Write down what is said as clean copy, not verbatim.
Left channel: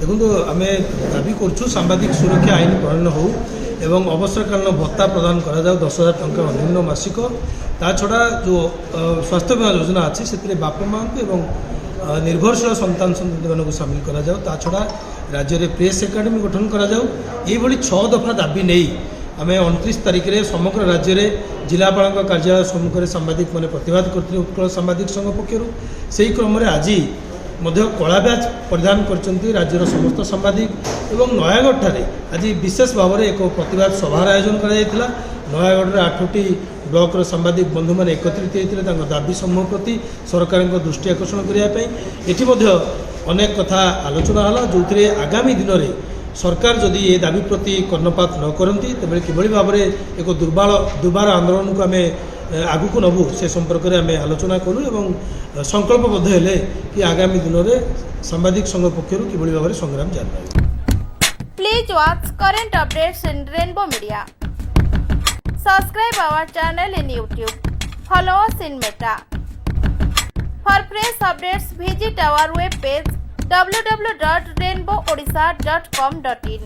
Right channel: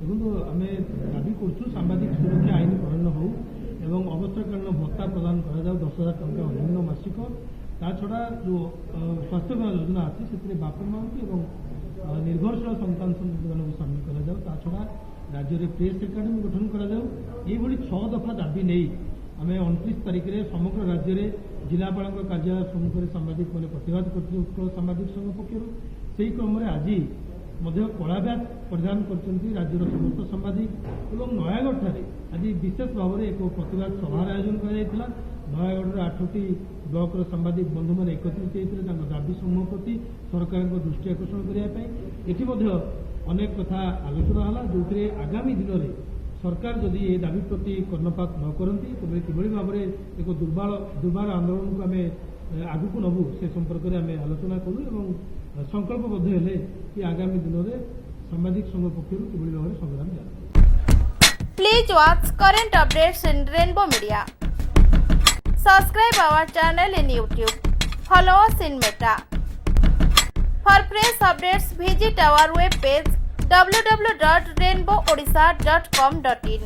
देखो आम दाबी कर सांबादिक सुरक्षा आईन प्रणयन हो एवं अवसरकालीन भत्ता प्रदान करा जाऊ 10,000 टंका अन्यून मासिक ता छड़ा जो स्वास्थ्य बीमा योजना अच्छी से बापा माँ को निर्भरशील संतान संतति मान सामिल करा जाऊ ता छड़ा राज्य में प्रेस एकाडेमी गठन करा जाऊ ये 6 दफा दाबी नहीं आम 29 तारिख में समग्र राज्य में जिलापाल कार्यालय सम्मुखें सांबादिक मैंने प्रतिवाद करते उत्कल सांबादिक संघ पक्षर से क्रम आज कला बैच परिधान कर राज्यर समस्त सांबादिक एवं नयागढ़ ठारे आज विशेष भाव में एक प्रतिवाद सभार आयोजन करा नयागढ़ 8टी ब्लॉक सांबादिक बंधु मैंने एकत्रित होते दाबी समूह प्रति सरकार दृष्टि आकर्षण करने अनेक कथा आलोचना है जो आगामी दिन में सरकार जदि ये दाबी प्रति कर्णपात न करती तेरे किभली भाव में एक दुर्बार आंदोलन को आम आगू को नबू से संपर्क में आम आलोचना करूँ एवं संकल्पबद्ध हेले कि आगामी दिन में सांबादिक संघ पक्षर किभली भाव में संग्राम जारी रहिबो। Please watch current updates in Rainbow Media. Subscribe our channel in YouTube. Follow us in Meta. For fresh updates, visit our web page www.rainbowodisha.com.in.